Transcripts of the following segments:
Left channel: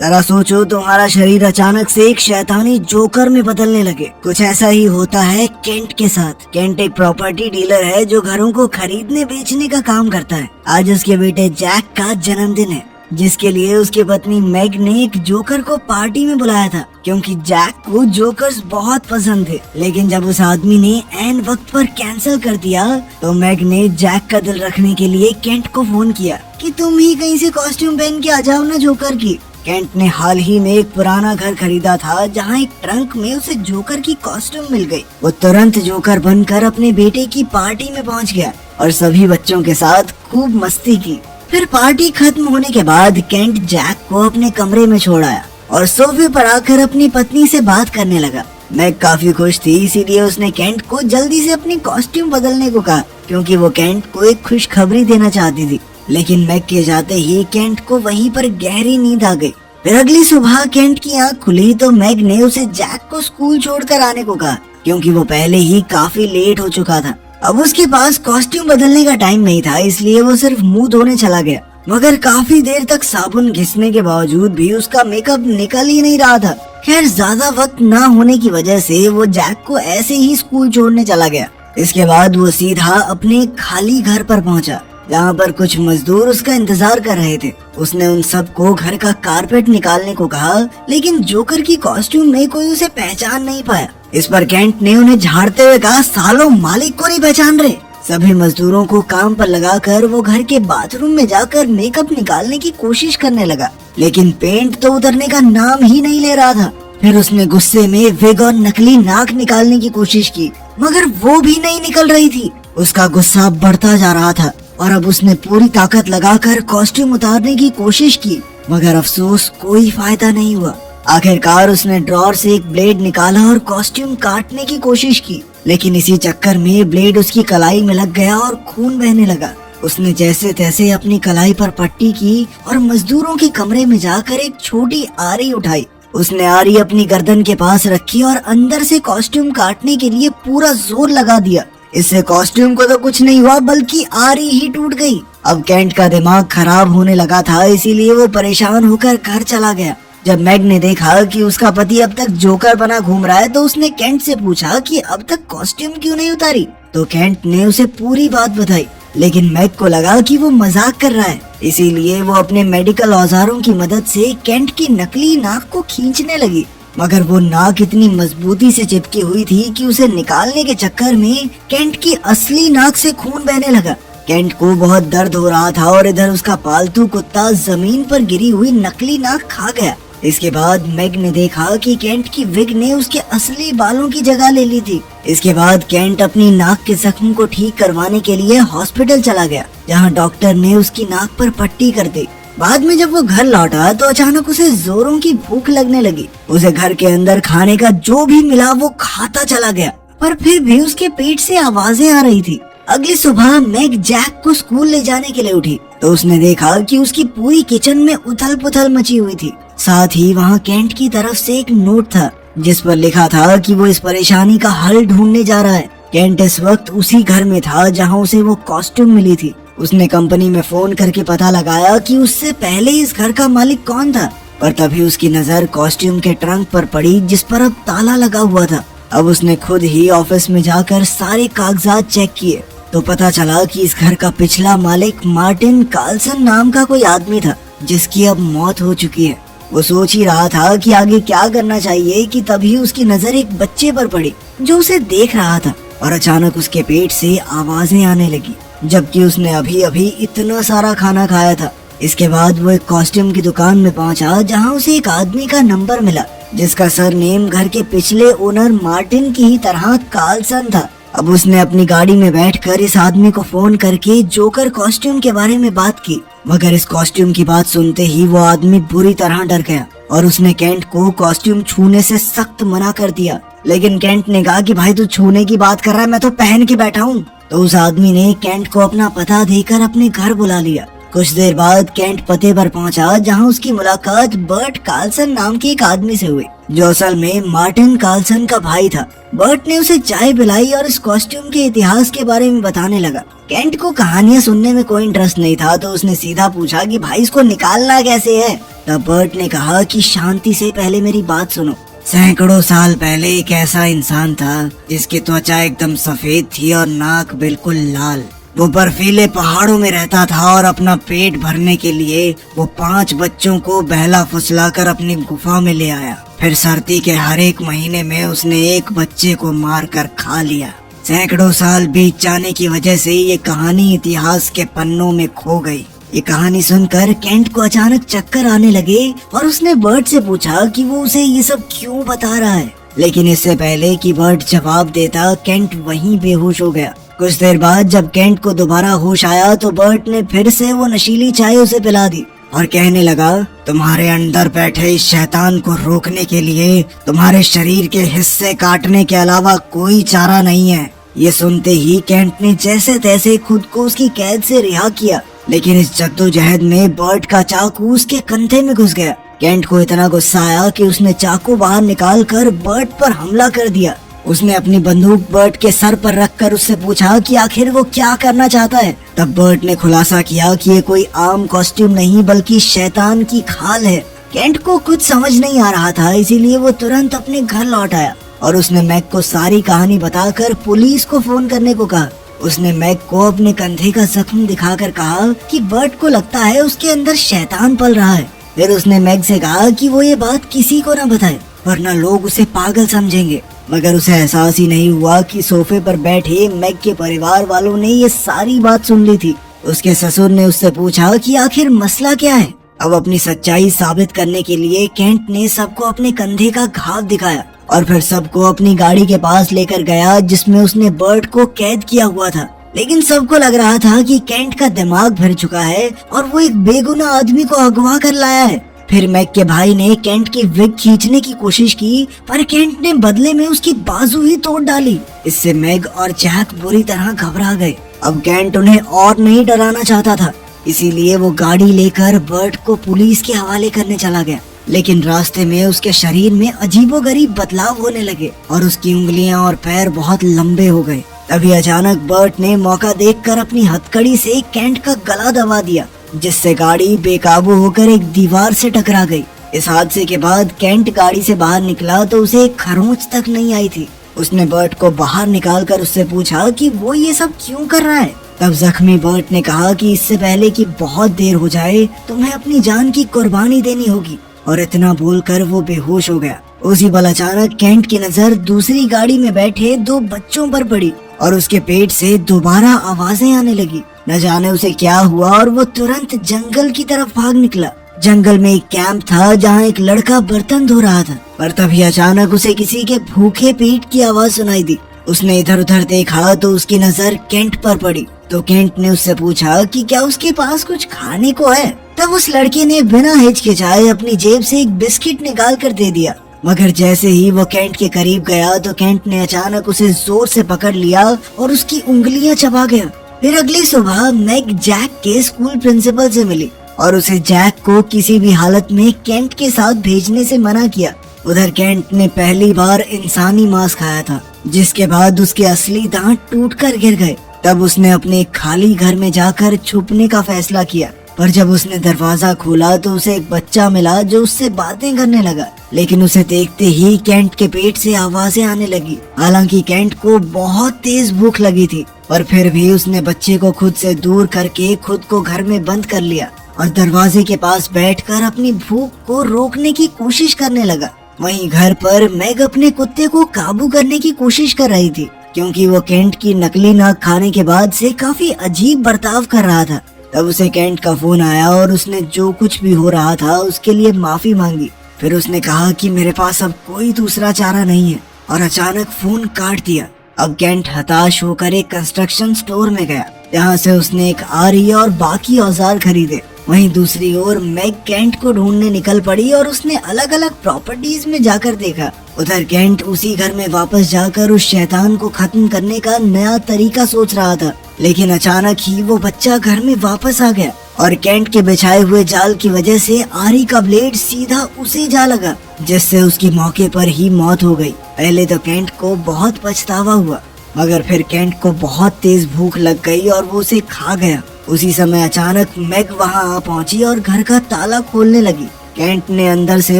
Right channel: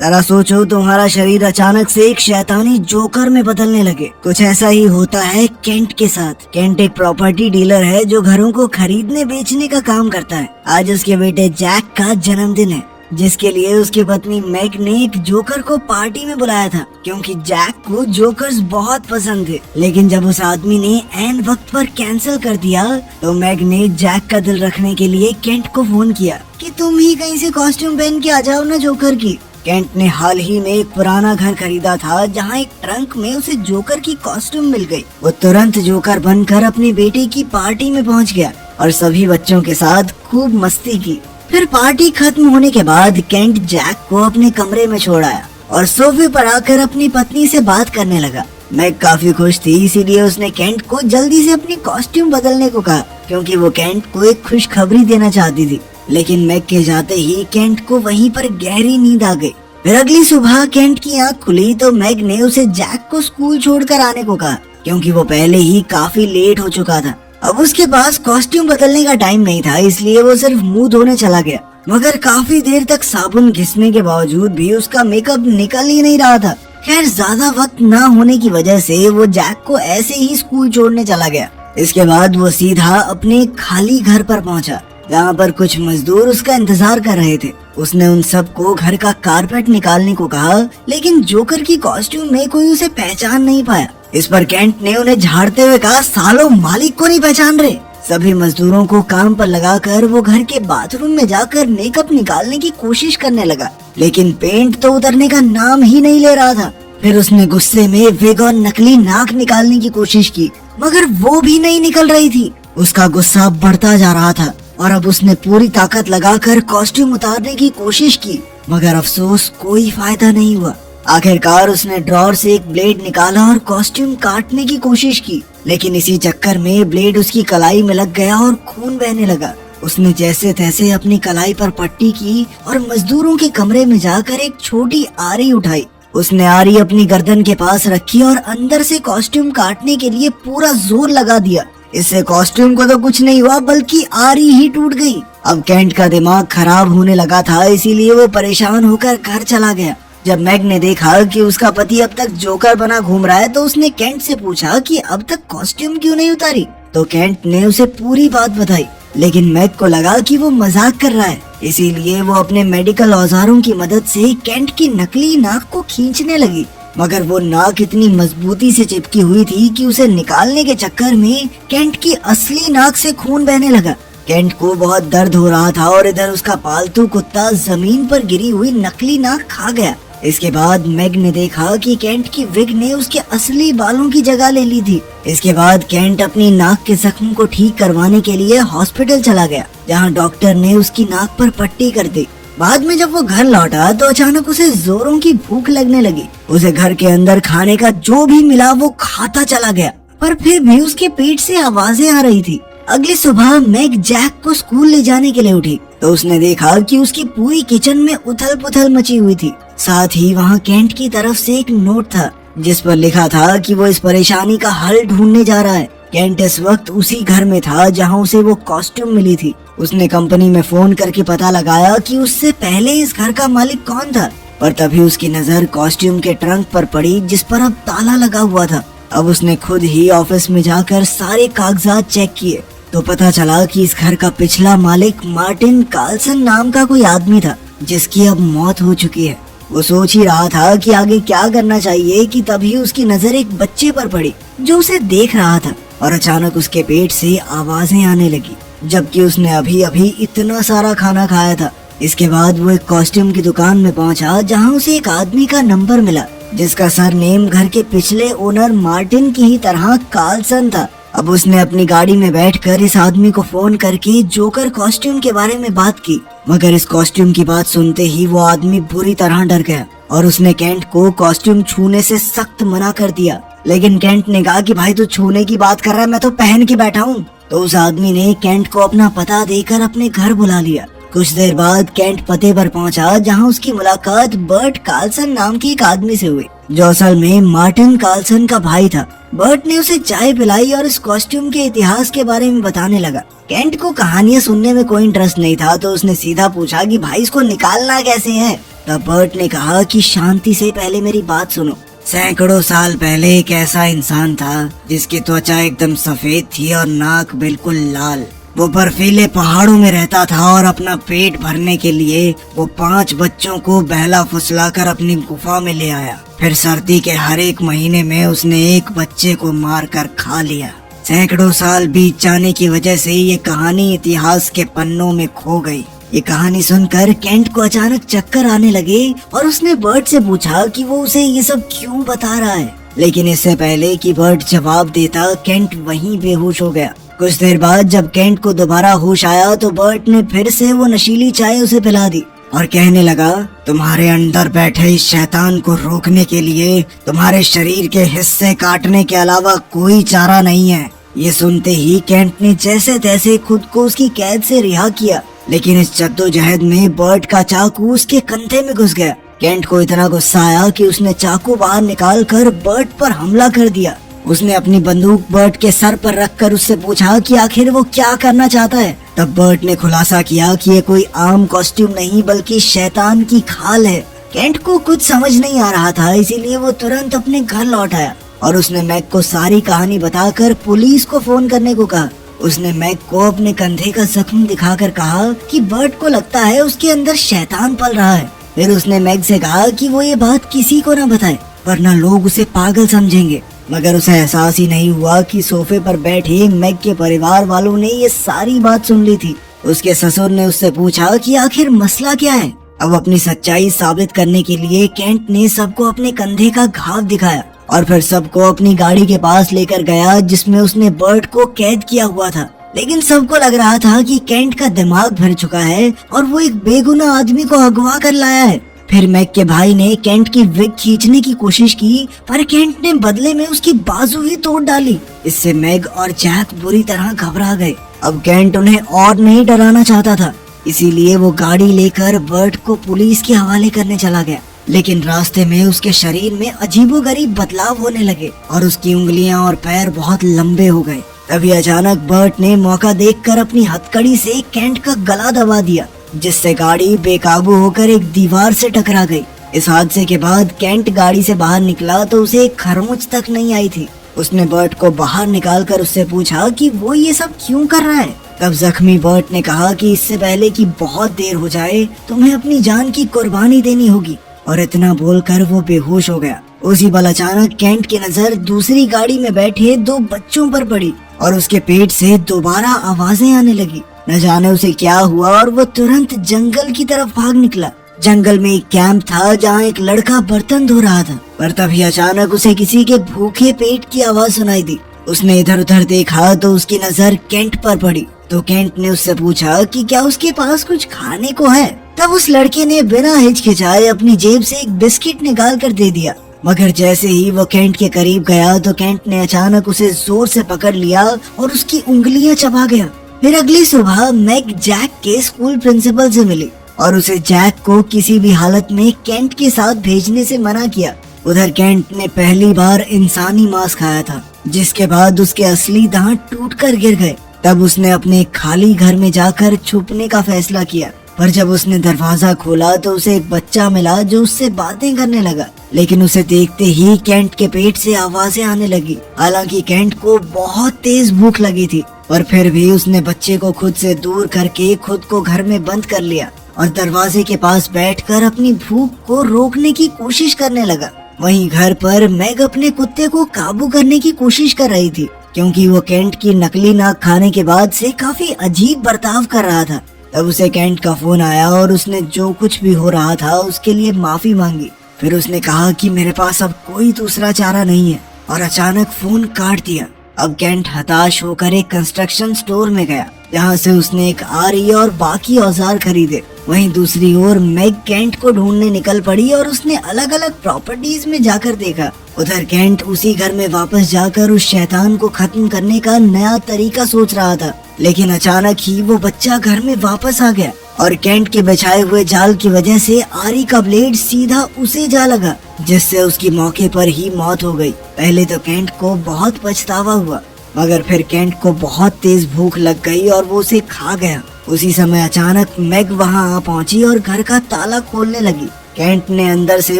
जरा सोचो, तुम्हारा शरीर अचानक से एक शैतानी जोकर में बदलने लगे। कुछ ऐसा ही होता है केंट के साथ। केंट एक प्रॉपर्टी डीलर है जो घरों को खरीदने बेचने का काम करता है। आज उसके बेटे जैक का जन्मदिन है, जिसके लिए उसकी पत्नी मैग ने एक जोकर को पार्टी में बुलाया था, क्योंकि जैक को जोकर्स बहुत पसंद थे। लेकिन जब उस आदमी ने ऐन वक्त पर कैंसिल कर दिया तो मैग ने जैक का दिल रखने के लिए केंट को फोन किया कि तुम ही कहीं से कॉस्ट्यूम पहन के आ जाओ ना जोकर की। केंट ने हाल ही में एक पुराना घर खरीदा था, जहाँ एक ट्रंक में उसे जोकर की कॉस्ट्यूम मिल गई। वो तुरंत जोकर बनकर अपने बेटे की पार्टी में पहुँच गया और सभी बच्चों के साथ खूब मस्ती की। फिर पार्टी खत्म होने के बाद केंट जैक को अपने कमरे में छोड़ आया और सोफे पर आकर अपनी पत्नी से बात करने लगा। मैग काफी खुश थी, इसीलिए उसने केंट को जल्दी से अपनी कॉस्ट्यूम बदलने को कहा, क्योंकि वो केंट को एक खुशखबरी देना चाहती थी। लेकिन मैग के जाते ही केंट को वहीं पर गहरी नींद आ गई। फिर अगली सुबह केंट की आँख खुली तो मैग ने उसे जैक को स्कूल छोड़कर आने को कहा, क्योंकि वो पहले ही काफी लेट हो चुका था। अब उसके पास कॉस्ट्यूम बदलने का टाइम नहीं था, इसलिए वो सिर्फ मुंह धोने चला गया। मगर काफी देर तक साबुन घिसने के बावजूद भी उसका मेकअप निकल ही नहीं रहा था। खैर, ज्यादा वक्त ना होने की वजह से वो जैक को ऐसे ही स्कूल छोड़ने चला गया। इसके बाद वो सीधा अपने खाली घर पर पहुंचा, जहाँ पर कुछ मजदूर उसका इंतजार कर रहे थे। उसने उन सबको घर का कारपेट निकालने को कहा, लेकिन जोकर की कॉस्ट्यूम में कोई उसे पहचान नहीं पाया। इस पर केंट ने उन्हें झाड़ते हुए कहा, सालों मालिक को नहीं पहचान रहे। सभी मजदूरों को काम पर लगाकर वो घर के बाथरूम में जाकर मेकअप निकालने की कोशिश करने लगा, लेकिन पेंट तो उतरने का नाम ही नहीं ले रहा था। फिर उसने गुस्से में विग और नकली नाक निकालने की कोशिश की, मगर वो भी नहीं निकल रही थी। उसका गुस्सा बढ़ता जा रहा था और अब उसने पूरी ताकत लगाकर कॉस्ट्यूम उतारने की कोशिश की, मगर अफसोस कोई फायदा नहीं हुआ। आखिरकार उसने ड्रॉर से एक ब्लेड निकाला और कॉस्ट्यूम काटने की कोशिश की, लेकिन इसी चक्कर में ब्लेड उसकी कलाई में लग गया और खून बहने लगा। उसने जैसे तैसे अपनी कलाई पर पट्टी की और मजदूरों के कमरे में जाकर एक छोटी आरी उठाई। उसने आरी अपनी गर्दन के पास रखी और अंदर से कॉस्ट्यूम काटने के लिए पूरा जोर लगा दिया। इससे कॉस्ट्यूम को तो कुछ नहीं हुआ, बल्कि आरी ही टूट गई। अब केंट का दिमाग खराब होने लगा था, इसीलिए वो परेशान होकर घर चला गया। जब मैग ने देखा कि उसका पति अब तक जोकर बना घूम रहा है, तो उसने केंट से पूछा कि अब तक कॉस्ट्यूम क्यों नहीं उतारी। तो केंट ने उसे पूरी बात बताई, लेकिन मैग को लगा कि वो मजाक कर रहा है, इसीलिए वो अपने मेडिकल औजारों की मदद से केंट की नकली नाक को खींचने लगी। मगर वो नाक इतनी मजबूती से चिपकी हुई थी कि उसे निकालने के चक्कर में केंट की असली नाक से खून बहने लगा। केंट को बहुत दर्द हो रहा था और इधर उसका पालतू कुत्ता जमीन पर गिरी हुई नकली नाक खा गया। इसके बाद मैग ने देखा कि केंट की विग ने उसके असली बालों की जगह ले ली थी। इसके बाद केंट अपनी नाक के जख्म को ठीक करवाने के लिए हॉस्पिटल चला गया, जहां डॉक्टर ने उसकी नाक पर पट्टी कर दी। बाद में जब वो घर लौटा तो अचानक उसे जोरों की भूख लगने लगी। उसे घर के अंदर खाने का जो भी मिला वो खाता चला गया, पर फिर भी उसके पेट से आवाजें आ रही थी। अगली सुबह मैग जैक को स्कूल ले जाने के लिए उठी तो उसने देखा कि उसकी पूरी किचन में उथल पुथल मची हुई थी। साथ ही वहाँ केंट की तरफ से एक नोट था, जिस पर लिखा था कि वो इस परेशानी का हल ढूंढने जा रहा है। केंट इस वक्त उसी घर में था जहाँ उसे वो कॉस्ट्यूम मिली थी। उसने कंपनी में फोन करके पता लगाया कि उससे पहले इस घर का मालिक कौन था, और तभी उसकी नजर कॉस्ट्यूम के ट्रंक पर पड़ी, जिस पर अब ताला लगा हुआ था। अब उसने खुद ही ऑफिस में जाकर सारे कागजात चेक किए तो पता चला कि इस घर का पिछला मालिक मार्टिन कार्लसन नाम का कोई आदमी था, जिसकी अब मौत हो चुकी है। वो सोच ही रहा था कि आगे क्या करना चाहिए कि तभी उसकी नजर एक बच्चे पर पड़ी जो उसे देख रहा था, और अचानक उसके पेट से आवाजें आने लगी, जबकि उसने अभी अभी इतना सारा खाना खाया था। इसके बाद वो एक कॉस्ट्यूम की दुकान में पहुंचा, जहां उसे एक आदमी का नंबर मिला, जिसका सरनेम घर के पिछले ओनर मार्टिन की ही तरह कार्लसन था। अब उसने अपनी गाड़ी में बैठकर इस आदमी को फोन करके जोकर कॉस्ट्यूम के बारे में बात की, मगर इस कॉस्ट्यूम की बात सुनते ही वो आदमी बुरी तरह डर गया और उसने केंट को कॉस्ट्यूम छूने से सख्त मना कर दिया। लेकिन केंट ने कहा कि भाई तू छूने की बात कर रहा है, मैं तो पहन के बैठा हूँ। तो उस आदमी ने केंट को अपना पता देकर अपने घर बुला लिया कुछ देर बाद केंट पते पर पहुंचा जहां उसकी मुलाकात बर्ट कार्लसन नाम के एक आदमी से हुई, जो असल में मार्टिन कार्लसन का भाई था। बर्ट ने उसे चाय पिलाई और इस कॉस्ट्यूम के इतिहास के बारे में बताने लगा। केंट को कहानियां सुनने में कोई इंटरेस्ट नहीं था, तो उसने सीधा पूछा कि भाई इसको निकालना कैसे है। तब बर्ट ने कहा कि शांति से पहले मेरी बात सुनो। सैकड़ों साल पहले एक ऐसा इंसान था जिसकी त्वचा एकदम सफेद थी और नाक बिल्कुल लाल। वो बर्फीले पहाड़ों में रहता था और अपना पेट भरने के लिए वो 5 बच्चों को बहला फुसलाकर अपनी गुफा में ले आया। फिर सर्दी के हर एक महीने में उसने एक बच्चे को मारकर खा लिया। सैकड़ों साल बीत जाने की वजह से ये कहानी इतिहास के पन्नों में खो गई। ये कहानी सुनकर केंट को अचानक चक्कर आने लगे और उसने बर्ट से पूछा कि वो उसे ये सब क्यों बता रहा है। लेकिन इससे पहले कि बर्ट जवाब देता, केंट वहीं बेहोश हो गया। कुछ देर बाद जब केंट को दोबारा होश आया तो बर्ट ने फिर से वो नशीली चाय उसे पिला दी और कहने लगा, तुम्हारे अंदर बैठे इस शैतान को रोकने के लिए तुम्हारे शरीर के हिस्से काटने के अलावा कोई चारा नहीं है। ये सुनते ही केंट ने जैसे तैसे खुद को उसकी कैद से रिहा किया, लेकिन इस जद्दोजहद में बर्ट का चाकू उसके कंधे में घुस गया। केंट को इतना गुस्सा आया कि उसने चाकू बाहर निकाल कर बर्ट पर हमला कर दिया। उसने अपनी बंदूक बर्ट के सर पर रखकर उससे पूछा कि आखिर वो क्या करना चाहता है। तब बर्ट ने खुलासा किया कि ये कोई आम कॉस्ट्यूम नहीं बल्कि शैतान की खाल है। केंट को कुछ समझ नहीं आ रहा था, इसीलिए वो तुरंत अपने घर लौट आया और उसने मैग को सारी कहानी बताकर पुलिस को फोन करने को कहा। उसने मैग को अपने कंधे का जख्म दिखाकर कहा कि बर्ट को लगता है उसके अंदर शैतान पल रहा है। फिर उसने मैग से कहा कि वो ये बात किसी को न बताए वरना लोग उसे पागल समझेंगे। मगर उसे एहसास ही नहीं हुआ कि सोफे पर बैठी मैग के परिवार वालों ने ये सारी बात सुन ली थी। उसके ससुर ने उससे पूछा कि आखिर मसला क्या है। अब अपनी सच्चाई साबित करने के लिए केंट ने सबको अपने कंधे का घाव दिखाया और फिर सबको अपनी गाड़ी के पास लेकर गया जिसमें उसने बर्ट को कैद किया हुआ था। लेकिन सबको लग रहा था कि केंट का दिमाग भर चुका है और वो एक बेगुनाह आदमी को अगवा कर लाया है। फिर मैग के भाई ने केंट की विग खींचने की कोशिश की, पर केंट ने बदले में उसकी बाजू ही तोड़ डाली। इससे मैग और जैक बुरी तरह घबरा गए। अब केंट उन्हें और नहीं डराना चाहता था, इसीलिए वो गाड़ी लेकर बर्ट को पुलिस के हवाले करने चला गया। लेकिन रास्ते में उसके शरीर में अजीबोगरीब बदलाव होने लगे और उसकी उंगलियां और पैर बहुत लंबे हो गए। तभी अचानक बर्ट ने मौका देखकर अपनी हथकड़ी से केंट का गला दबा दिया, जिससे गाड़ी बेकाबू होकर एक दीवार से टकरा गई। इस हादसे के बाद केंट गाड़ी से बाहर निकला तो उसे एक खरोंच तक नहीं आई थी। उसने बर्ट को बाहर निकालकर उससे पूछा कि वो ये सब क्यों कर रहा है। तब जख्मी बर्ट ने कहा कि इससे पहले कि बहुत देर हो जाए तुम्हें अपनी जान की कुर्बानी देनी होगी, और इतना बोलकर वो बेहोश हो गया। उसी पल अचानक केंट की नजर दूसरी गाड़ी में बैठे 2 बच्चों पर पड़ी और उसके पेट से दोबारा आवाजें आने लगी। न जाने उसे क्या हुआ और वो तुरंत जंगल की तरफ भाग निकला। जंगल में एक कैंप था जहाँ एक लड़का बर्तन धो रहा था, पर तभी अचानक उसे किसी के भूखे पेट की आवाज सुनाई दी। उसने इधर उधर देखा तो उसकी नजर केंट पर पड़ी, तो केंट ने उससे पूछा कि क्या उसके पास कुछ खाने को है। तब उस लड़के ने बिना हिचकिचाए अपनी जेब से एक बिस्किट निकाल कर दे दिया। मगर जैसे ही वो केंट के करीब गया तो केंट ने अचानक उसे जोर से पकड़ लिया और उसकी उंगलियां चबा गया। फिर अगली सुबह मैग जैक के स्कूल प्रिंसिपल से मिली और उसे जैक को किसी भी हालत में केंट के साथ भेजने से मना किया। उधर केंट ने पहली बार इंसानी मांस खाया था, जिसके बाद उसके असली दांत टूटकर गिर गए। तब उसने अपने खाली घर में जाकर छुपने का फैसला किया, पर जब उसने दरवाजा खोला तो उसे एक बच्चा मिला जो उससे बातें करने लगा। लेकिन उसे देखते ही केंट के पेट से आवाजें आने लगी। हालांकि केंट को बहुत तेज भूख लगी थी, पर फिर भी उसने बच्चे को खुद से दूर करके खुद को घर में बंद कर लिया और दरवाजे के पास बैठकर अपनी भूख को रोकने की कोशिश करने लगा। वहीं घर पर मैग अपने कुत्ते को काबू करने की कोशिश कर रही थी, क्योंकि वो केंट की नकली नाक खाने के बाद से काफी अजीब बर्ताव कर रहा था। तब उसे केंट का फोन आया और उसने जो कुछ भी हो रहा था उसके लिए माफी मांगी। फिर उसने कहा कि मेरे पास अब कोई दूसरा चारा नहीं है, और अचानक फोन काट दिया। अब केंट हताश होकर एक कंस्ट्रक्शन स्टोर में गया, जहाँ से उसने एक आरी और बाकी औजार खरीदे। वहीं दूसरी ओर मैग केंट को ढूंढने निकल पड़ी और उसने अलग अलग प्रॉपर्टीज में जाकर देखा। उधर केंट उसी घर में वापस जाकर उस शैतान को खत्म करने का नया तरीका सोच रहा था। लेकिन अचानक ही वो बच्चा घर में वापस आ गया और केंट के बिछाए हुए जाल की वजह से आरी का ब्लेड सीधा उसे जा लगा, जिससे उसकी मौके पर ही मौत हो गई। पहले तो केंट को बहुत पछतावा हुआ, मगर फिर केंट को बहुत तेज भूख लग गई और वो उसे खा गया। उसी समय अचानक मैग वहां आ पहुंची और घर का ताला खोलने लगी। केंट ने अंदर से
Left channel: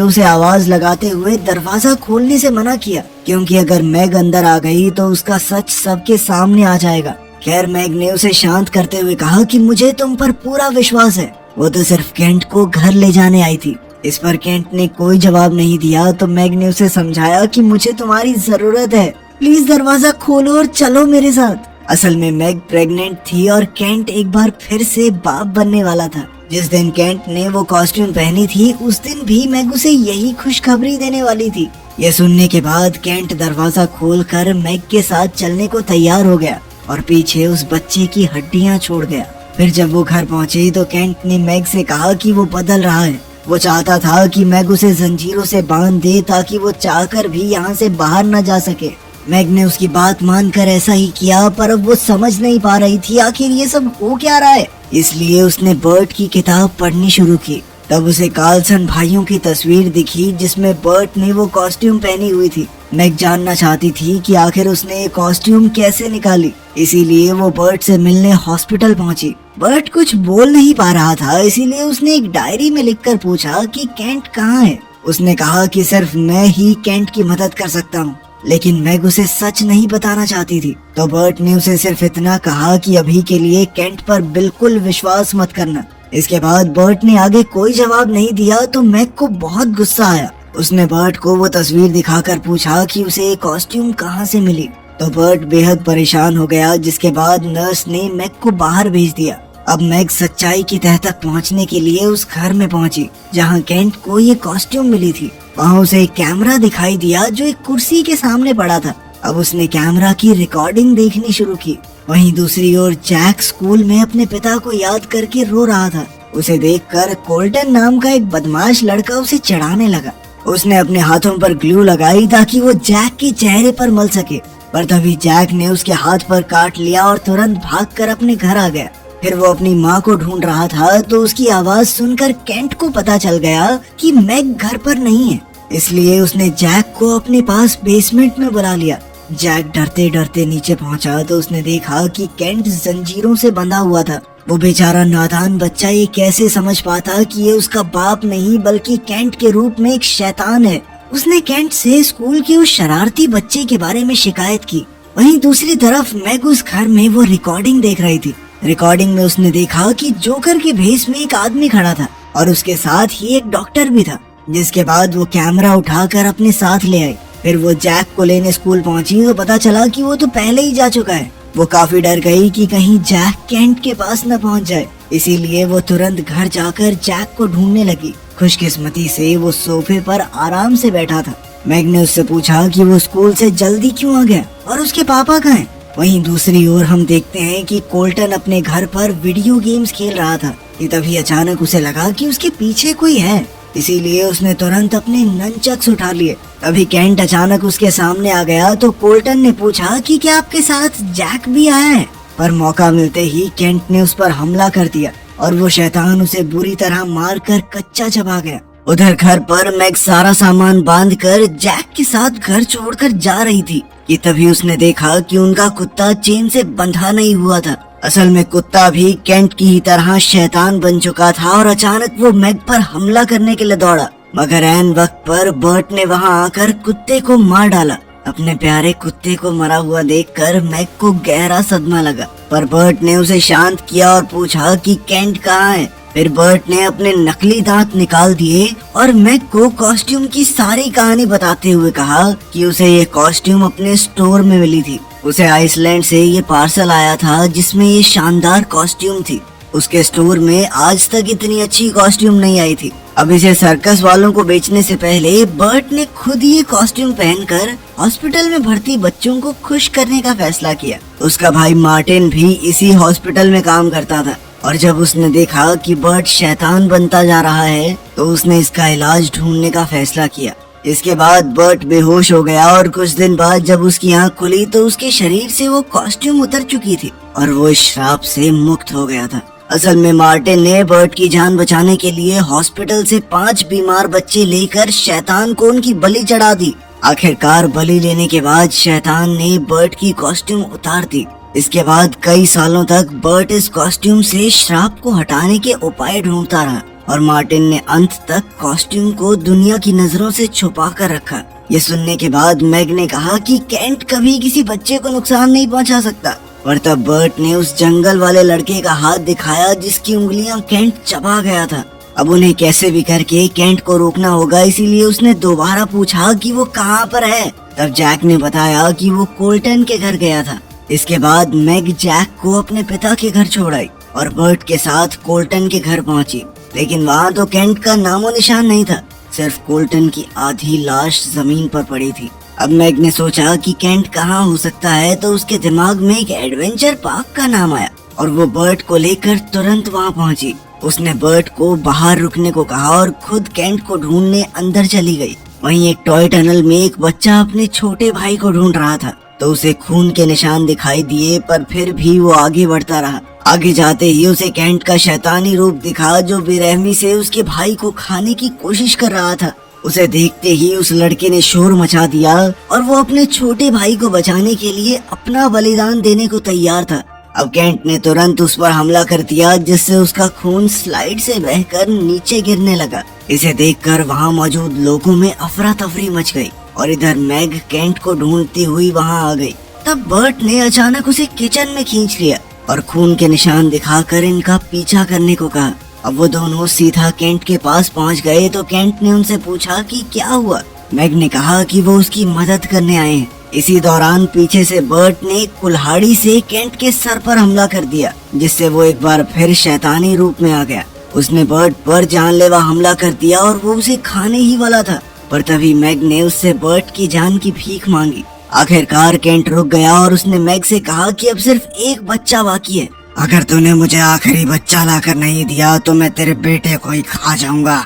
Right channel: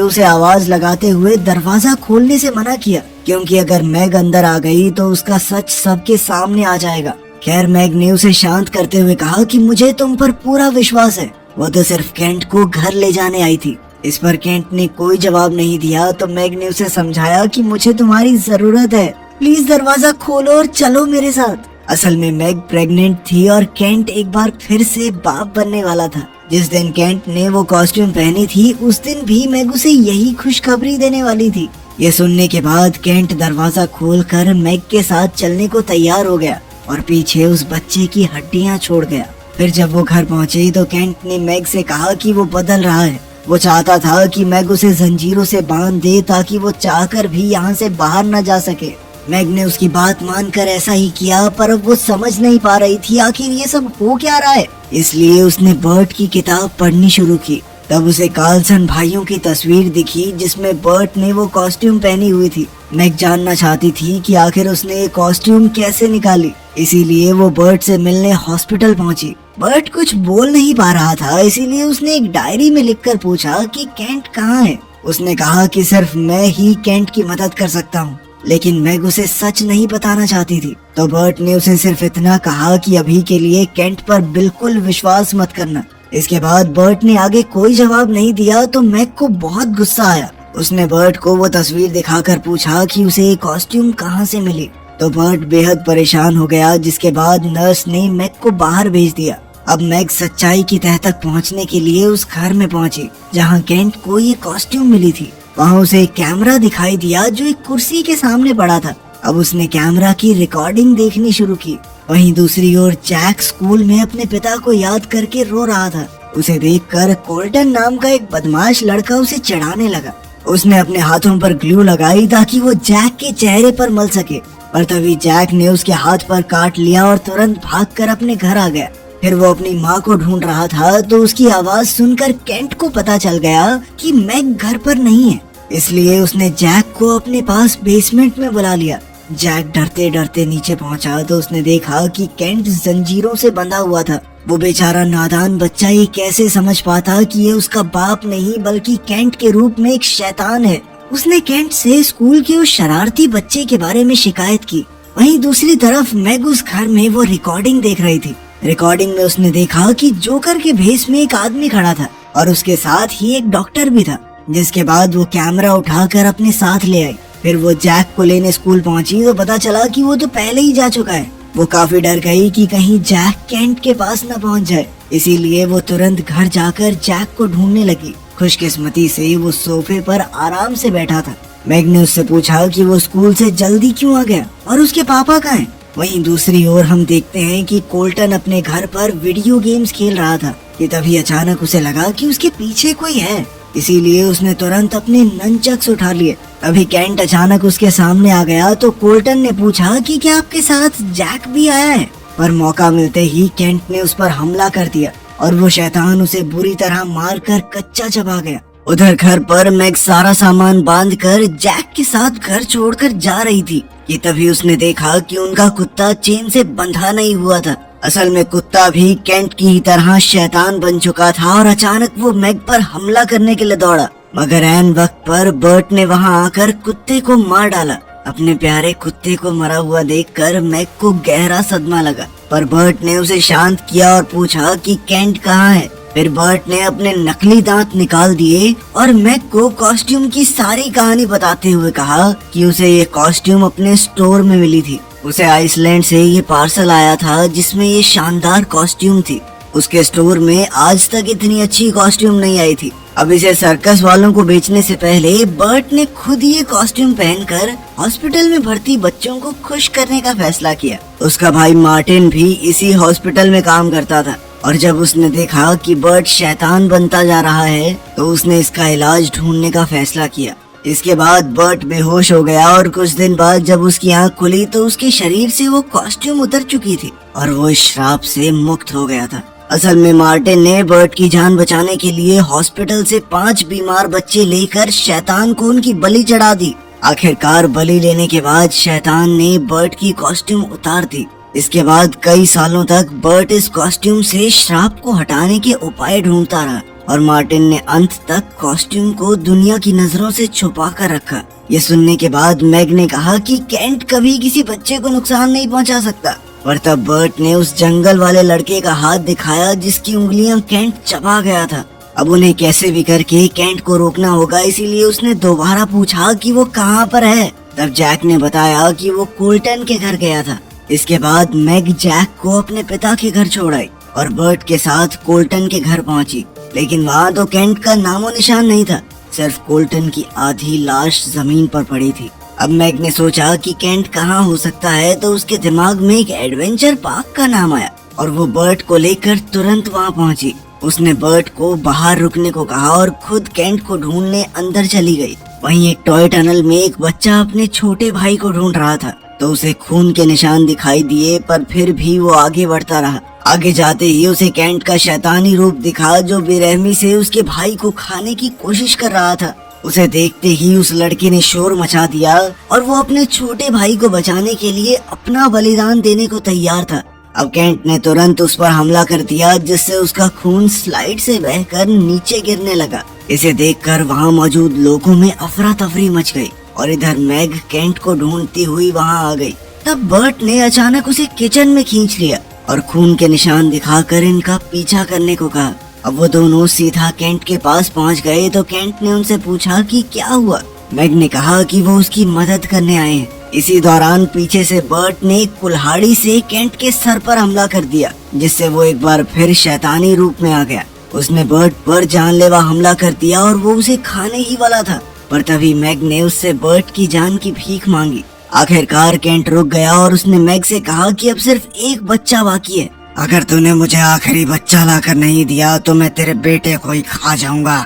उसे आवाज लगाते हुए दरवाजा खोलने से मना किया, क्योंकि अगर मैग अंदर आ गई तो उसका सच सबके सामने आ जाएगा। खैर, मैग ने उसे शांत करते हुए कहा कि मुझे तुम पर पूरा विश्वास है, वो तो सिर्फ केंट को घर ले जाने आई थी। इस पर केंट ने कोई जवाब नहीं दिया तो मैग ने उसे समझाया कि मुझे तुम्हारी जरूरत है, प्लीज दरवाजा खोलो और चलो मेरे साथ। असल में मैग प्रेग्नेंट थी और केंट एक बार फिर से बाप बनने वाला था। जिस दिन केंट ने वो कॉस्ट्यूम पहनी थी उस दिन भी मैग उसे यही खुशखबरी देने वाली थी। ये सुनने के बाद केंट दरवाजा खोलकर मैग के साथ चलने को तैयार हो गया और पीछे उस बच्चे की हड्डियां छोड़ गया। फिर जब वो घर पहुंची तो केंट ने मैग से कहा कि वो बदल रहा है। वो चाहता था कि मैग उसे जंजीरों से बांध दे ताकि वो चाहकर भी यहाँ से बाहर न जा सके। मैग ने उसकी बात मानकर ऐसा ही किया, पर वो समझ नहीं पा रही थी आखिर ये सब हो क्या रहा है। इसलिए उसने बर्ट की किताब पढ़नी शुरू की। तब उसे कार्लसन भाइयों की तस्वीर दिखी जिसमें बर्ट ने वो कॉस्ट्यूम पहनी हुई थी। मैग जानना चाहती थी कि आखिर उसने ये कॉस्ट्यूम कैसे निकाली, इसीलिए वो बर्ट से मिलने हॉस्पिटल पहुंची। बर्ट कुछ बोल नहीं पा रहा था, इसीलिए उसने एक डायरी में लिखकर पूछा कि केंट कहाँ है। उसने कहा कि सिर्फ मैं ही केंट की मदद कर सकता हूँ, लेकिन मैग उसे सच नहीं बताना चाहती थी। तो बर्ट ने उसे सिर्फ इतना कहा कि अभी के लिए केंट पर बिल्कुल विश्वास मत करना। इसके बाद बर्ट ने आगे कोई जवाब नहीं दिया तो मैग को बहुत गुस्सा आया। उसने बर्ट को वो तस्वीर दिखाकर पूछा कि उसे ये कॉस्ट्यूम कहाँ से मिली। तो बर्ट बेहद परेशान हो गया, जिसके बाद नर्स ने मैग को बाहर भेज दिया। अब मैग सच्चाई की तह तक पहुँचने के लिए उस घर में पहुँची जहाँ केंट को ये कॉस्ट्यूम मिली थी। वहाँ उसे एक कैमरा दिखाई दिया जो एक कुर्सी के सामने पड़ा था। अब उसने कैमरा की रिकॉर्डिंग देखनी शुरू की। वहीं दूसरी ओर जैक स्कूल में अपने पिता को याद करके रो रहा था। उसे देखकर कोल्टन नाम का एक बदमाश लड़का उसे चढ़ाने लगा। उसने अपने हाथों पर ग्लू लगाई ताकि वो जैक के चेहरे पर मल सके, पर तभी जैक ने उसके हाथ पर काट लिया और तुरंत भागकर अपने घर आ गया। फिर वो अपनी माँ को ढूंढ रहा था तो उसकी आवाज सुनकर केंट को पता चल गया कि मैग घर पर नहीं है। इसलिए उसने जैक को अपने पास बेसमेंट में बुला लिया। जैक डरते डरते नीचे पहुंचा तो उसने देखा कि केंट जंजीरों से बंधा हुआ था। वो बेचारा नादान बच्चा ये कैसे समझ पाता कि ये उसका बाप नहीं बल्कि केंट के रूप में एक शैतान है। उसने केंट से स्कूल के उस शरारती बच्चे के बारे में शिकायत की। वहीं दूसरी तरफ मैग उस घर में वो रिकॉर्डिंग देख रही थी। रिकॉर्डिंग में उसने देखा कि जोकर के भेष में एक आदमी खड़ा था और उसके साथ ही एक डॉक्टर भी था। जिसके बाद वो कैमरा उठाकर अपने साथ ले आई। फिर वो जैक को लेने स्कूल पहुंची तो पता चला कि वो तो पहले ही जा चुका है। वो काफी डर गई कि कहीं जैक केंट के पास न पहुंच जाए, इसीलिए वो तुरंत घर जाकर जैक को ढूंढने लगी। खुशकिस्मती से वो सोफे पर आराम से बैठा था। मैग ने उससे पूछा कि वो स्कूल से जल्दी क्यों आ गया और उसके पापा कहाँ हैं। वहीं दूसरी ओर हम देखते हैं कि कोल्टन अपने घर पर वीडियो गेम्स खेल रहा था कि तभी अचानक उसे लगा कि उसके पीछे कोई है, इसीलिए उसने तुरंत अपने ननचक्स उठा लिए। अभी केंट अचानक उसके सामने आ गया तो कोल्टन ने पूछा कि क्या आपके साथ जैक भी आया है, पर मौका मिलते ही केंट ने उस पर हमला कर दिया और वो शैतान उसे बुरी तरह मारकर कच्चा चबा गया। उधर घर पर मैग सारा सामान बांधकर जैक के साथ घर छोड़कर जा रही थी कि तभी उसने देखा कि उनका कुत्ता चेन से बंधा नहीं हुआ था। असल में कुत्ता भी केंट की तरह शैतान बन चुका था और अचानक वो मैग पर हमला करने के लिए दौड़ा, मगर ऐन वक्त पर बर्ट ने वहां आकर कुत्ते को मार डाला। अपने प्यारे कुत्ते को मरा हुआ देखकर मैग को गहरा सदमा लगा, पर बर्ट ने उसे शांत किया और पूछा कि केंट कहाँ है। फिर बर्ट ने अपने नकली दांत निकाल दिए और मैग को कॉस्ट्यूम की सारी कहानी बताते हुए कहा कि उसे ये कॉस्ट्यूम अपने स्टोर में मिली थी। उसे आइसलैंड से ये पार्सल आया था जिसमें ये शानदार कॉस्ट्यूम थी। उसके स्टोर में आज तक इतनी अच्छी कॉस्ट्यूम नहीं आई थी। अब इसे सर्कस वालों को बेचने से पहले बर्ट ने खुद ये कॉस्ट्यूम पहनकर हॉस्पिटल में भर्ती बच्चों को खुश करने का फैसला किया। उसका भाई मार्टिन भी इसी हॉस्पिटल में काम करता था और जब उसने देखा कि बर्ट शैतान बनता जा रहा है तो उसने इसका इलाज ढूंढने का फैसला किया। इसके बाद बर्ट बेहोश हो गया और कुछ दिन बाद जब उसकी आंख खुली तो उसके शरीर से वो कॉस्ट्यूम उतर चुकी थी और वो इस श्राप से मुक्त हो गया था। असल में मार्टिन ने बर्ट की जान बचाने के लिए हॉस्पिटल से 5 बीमार बच्चे लेकर शैतान को उनकी बलि चढ़ा दी। आखिरकार बलि लेने के बाद शैतान ने बर्ट की कॉस्ट्यूम उतार दी। इसके बाद कई सालों तक बर्ट इस कॉस्ट्यूम से श्राप को हटाने के उपाय ढूंढता रहा और मार्टिन ने अंत तक कॉस्ट्यूम को दुनिया की नजरों से छुपा कर रखा। ये सुनने के बाद मैग ने कहा कि केंट कभी किसी बच्चे को नुकसान नहीं पहुंचा सकता, पर तब बर्ट ने उस जंगल वाले लड़के का हाथ दिखाया जिसकी उंगलियां केंट चबा गया था। अब उन्हें कैसे भी करके केंट को रोकना होगा, इसीलिए उसने दोबारा पूछा कि वो कहाँ पर है। तब जैक ने बताया कि वो कोल्टन के घर गया था। इसके बाद मैग जैक को अपने पिता के घर छोड़ आई और बर्ट के साथ कोल्टन के घर पहुंची, लेकिन वहाँ तो केंट का नामो निशान नहीं था। सिर्फ कोल्टन की आधी लाश जमीन पर पड़ी थी। अब मैग ने सोचा कि केंट कहाँ हो सकता है, तो उसके दिमाग में एक एडवेंचर पार्क का नाम आया और वो बर्ट को लेकर तुरंत वहाँ पहुंची। उसने बर्ट को बाहर रुकने को कहा और खुद केंट को ढूंढने अंदर चली गई। वहीं एक टॉय टनल में एक बच्चा अपने छोटे भाई को ढूंढ रहा था, तो उसे खून के निशान दिखाई दिए, पर फिर भी वो आगे बढ़ता रहा। आगे जाते ही उसे केंट का शैतानी रूप दिखा जो बेरहमी से उसके भाई को खाने की कोशिश कर रहा था। उसे देखते ही उस लड़के ने शोर मचा दिया और वो अपने छोटे भाई को बचाने के लिए अपना बलिदान देने को तैयार था। अब केंट ने तुरंत उस पर हमला कर दिया, जिससे उसका खून स्लाइड से बहकर नीचे गिरने लगा। इसे देखकर वहाँ मौजूद लोगों में अफरा तफरी मच गई और इधर मैग केंट को ढूंढती हुई वहाँ आ गई। तब बर्ट ने अचानक उसे किचन में खींच लिया और खून के निशान दिखाकर इनका पीछा करने को कहा। अब वो दोनों सीधा केंट के पास पहुंच गए तो केंट ने उनसे पूछा कि क्या हुआ। मैग ने कहा कि वो उसकी मदद करने आए हैं। इसी दौरान पीछे से बर्ट ने कुल्हाड़ी से केंट के सर पर हमला कर दिया, जिससे वो एक बार फिर शैतानी रूप में आ गया। उसने बर्ट पर जानलेवा हमला कर दिया और वो उसे खाने ही वाला था, पर तभी मैग ने उससे बर्ट की जान की भीख मांगी। आखिरकार केंट रुक गया और उसने मैग से कहा कि अब सिर्फ एक बच्चा बाकी है। अगर तूने मुझे आखिरी बच्चा लाकर नहीं दिया तो मैं तेरे बेटे को ही खा जाऊंगा।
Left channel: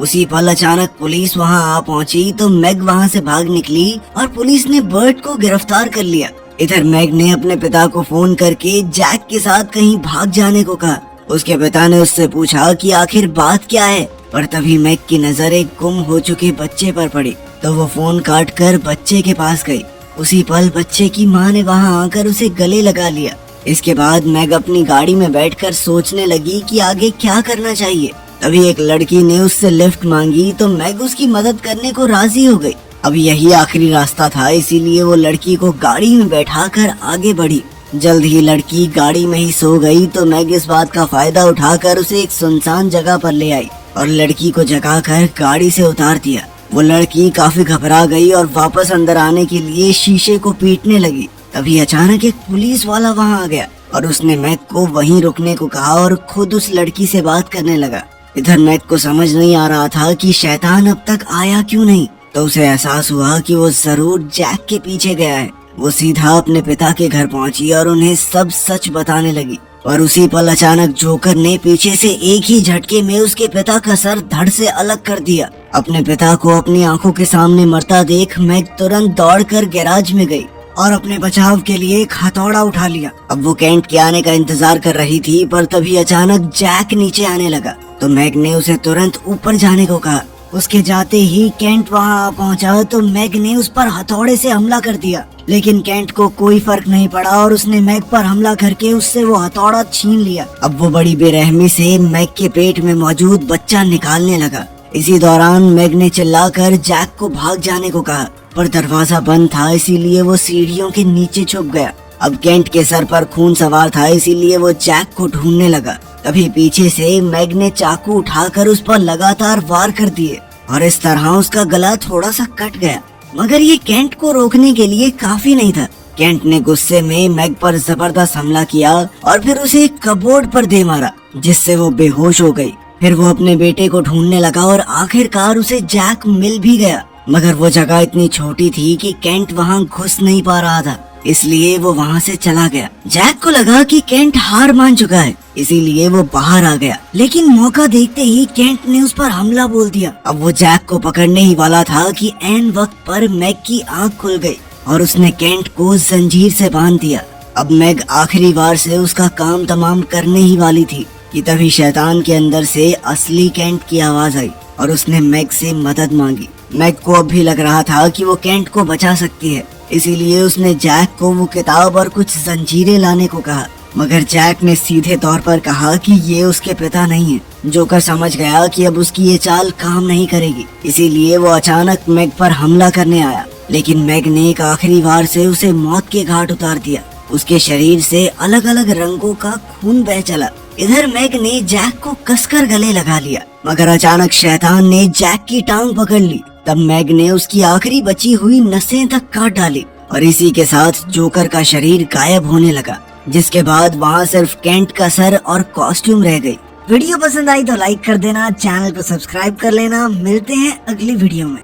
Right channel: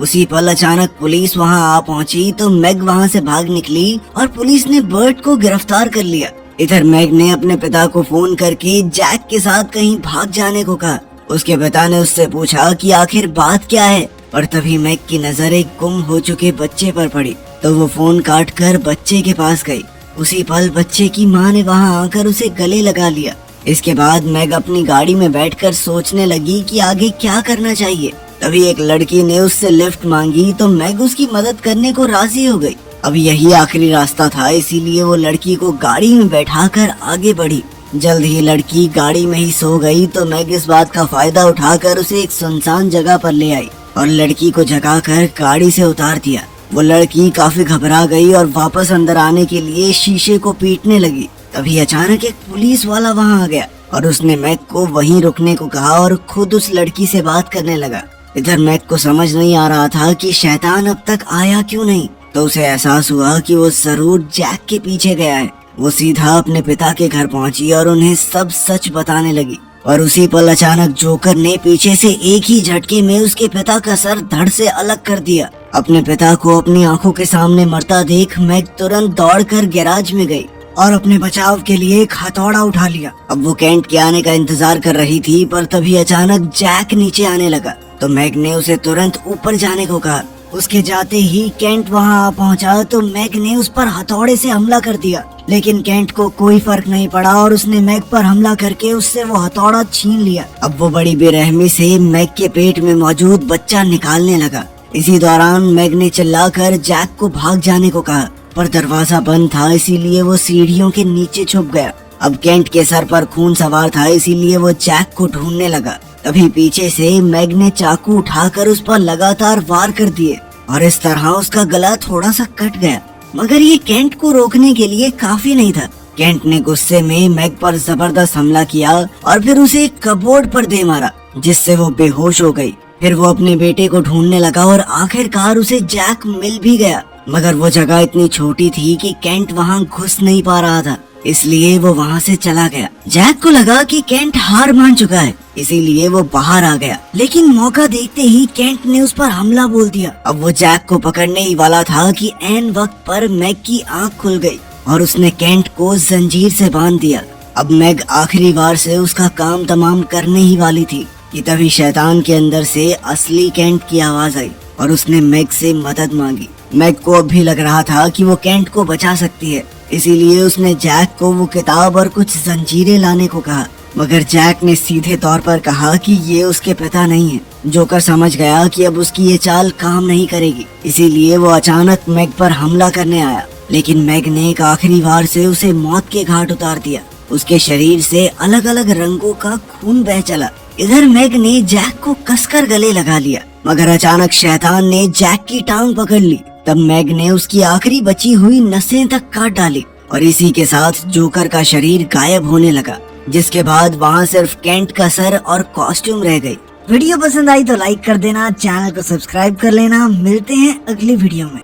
उसी पल अचानक पुलिस वहां आ पहुंची तो मैग वहां से भाग निकली और पुलिस ने बर्ट को गिरफ्तार कर लिया। इधर मैग ने अपने पिता को फोन करके जैक के साथ कहीं भाग जाने को कहा। उसके पिता ने उससे पूछा कि आखिर बात क्या है, पर तभी मैग की नजर एक गुम हो चुके बच्चे पर पड़ी, तो वो फोन काट कर बच्चे के पास गई। उसी पल बच्चे की माँ ने वहाँ आकर उसे गले लगा लिया। इसके बाद मैग अपनी गाड़ी में बैठकर सोचने लगी कि आगे क्या करना चाहिए। तभी एक लड़की ने उससे लिफ्ट मांगी तो मैग उसकी मदद करने को राजी हो गई। अब यही आखिरी रास्ता था, इसीलिए वो लड़की को गाड़ी में बैठाकर आगे बढ़ी। जल्द ही लड़की गाड़ी में ही सो गई तो मैग इस बात का फायदा उठाकर उसे एक सुनसान जगह पर ले आई और लड़की को जगाकर गाड़ी से उतार दिया। वो लड़की काफी घबरा गई और वापस अंदर आने के लिए शीशे को पीटने लगी। तभी अचानक एक पुलिस वाला वहाँ आ गया और उसने मैग को वहीं रुकने को कहा और खुद उस लड़की से बात करने लगा। इधर मैग को समझ नहीं आ रहा था कि शैतान अब तक आया क्यों नहीं, तो उसे एहसास हुआ कि वो जरूर जैक के पीछे गया है। वो सीधा अपने पिता के घर पहुंची और उन्हें सब सच बताने लगी। और उसी पल अचानक जोकर ने पीछे से एक ही झटके में उसके पिता का सर धड़ से अलग कर दिया। अपने पिता को अपनी आंखों के सामने मरता देख मैग तुरंत दौड़कर गैराज में गई और अपने बचाव के लिए एक हथौड़ा उठा लिया। अब वो केंट के आने का इंतजार कर रही थी, पर तभी अचानक जैक नीचे आने लगा तो मैग ने उसे तुरंत ऊपर जाने को कहा। उसके जाते ही केंट वहां आ पहुंचा तो मैग ने उस पर हथौड़े से हमला कर दिया, लेकिन केंट को कोई फर्क नहीं पड़ा और उसने मैग पर हमला करके उससे वो हथौड़ा छीन लिया। अब वो बड़ी बेरहमी से मैग के पेट में मौजूद बच्चा निकालने लगा। इसी दौरान मैग ने चिल्लाकर जैक को भाग जाने को कहा, पर दरवाजा बंद था, इसीलिए वो सीढ़ियों के नीचे छुप गया। अब केंट के सर पर खून सवार था, इसीलिए वो जैक को ढूंढने लगा। तभी पीछे से मैग ने चाकू उठाकर उस पर लगातार वार कर दिए और इस तरह उसका गला थोड़ा सा कट गया। मगर ये केंट को रोकने के लिए काफी नहीं था। केंट ने गुस्से में मैग पर जबरदस्त हमला किया और फिर उसे एक कपबोर्ड पर दे मारा, जिससे वो बेहोश हो गई। फिर वो अपने बेटे को ढूंढने लगा और आखिरकार उसे जैक मिल भी गया, मगर वो जगह इतनी छोटी थी कि केंट वहाँ घुस नहीं पा रहा था, इसलिए वो वहाँ से चला गया। जैक को लगा कि केंट हार मान चुका है, इसीलिए वो बाहर आ गया, लेकिन मौका देखते ही केंट ने उस पर हमला बोल दिया। अब वो जैक को पकड़ने ही वाला था कि ऐन वक्त पर मैग की आंख खुल गई और उसने केंट को जंजीर से बांध दिया। अब मैग आखिरी बार से उसका काम तमाम करने ही वाली थी कि तभी शैतान के अंदर से असली केंट की आवाज आई और उसने मैग से मदद मांगी। मैग को अब भी लग रहा था कि वो केंट को बचा सकती है, इसीलिए उसने जैक को वो किताब और कुछ जंजीरें लाने को कहा, मगर जैक ने सीधे तौर पर कहा कि ये उसके पिता नहीं है। जोकर समझ गया कि अब उसकी ये चाल काम नहीं करेगी, इसीलिए वो अचानक मैग पर हमला करने आया, लेकिन मैग ने एक आखिरी बार से उसे मौत के घाट उतार दिया। उसके शरीर से अलग अलग रंगों का खून बह चला। इधर मैग ने जैक को कसकर गले लगा लिया, मगर अचानक शैतान ने जैक की टांग पकड़ ली। तब मैग ने उसकी आखिरी बची हुई नसें तक काट डाली और इसी के साथ जोकर का शरीर गायब होने लगा, जिसके बाद वहाँ सिर्फ केंट का सर और कॉस्ट्यूम रह गई। वीडियो पसंद आई तो लाइक कर देना, चैनल को सब्सक्राइब कर लेना। मिलते हैं अगली वीडियो में।